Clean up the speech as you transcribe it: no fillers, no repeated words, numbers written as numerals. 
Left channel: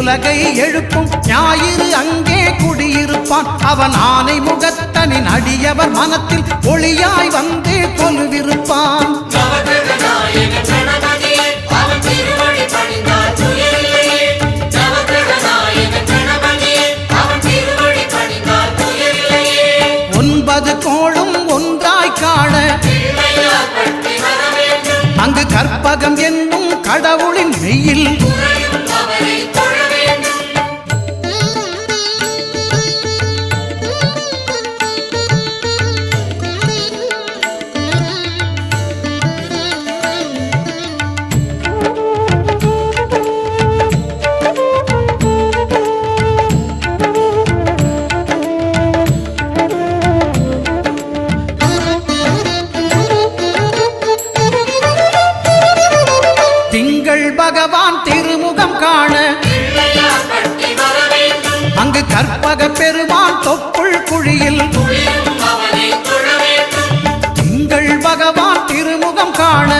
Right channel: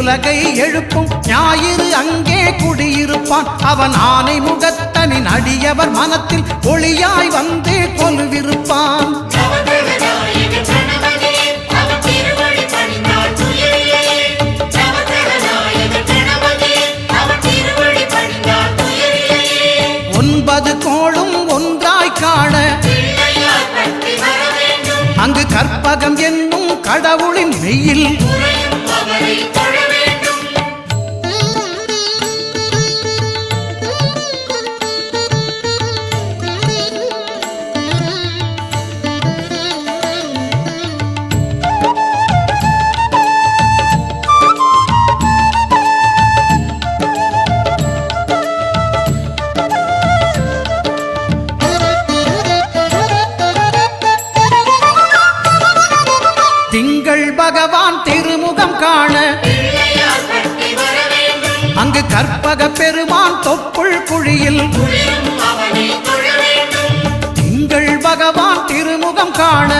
உலகை எழுப்பும் ஞாயிறு அங்கே குடியிருப்பான். அவன் ஆனை முகத்தனின் அடியவர் மனத்தில் ஒளியாய் வந்து கொலுவிருப்பான். ஒன்பது கோளும் ஒன்றாய் காண அங்கு கற்பகம் என்னும் கடவுளின் மெய்யில் திங்கள் பகவான் திருமுகம் காண அங்கு கற்பக பெருமான் தொப்புள் குழியில் திங்கள் பகவான் திருமுகம் காண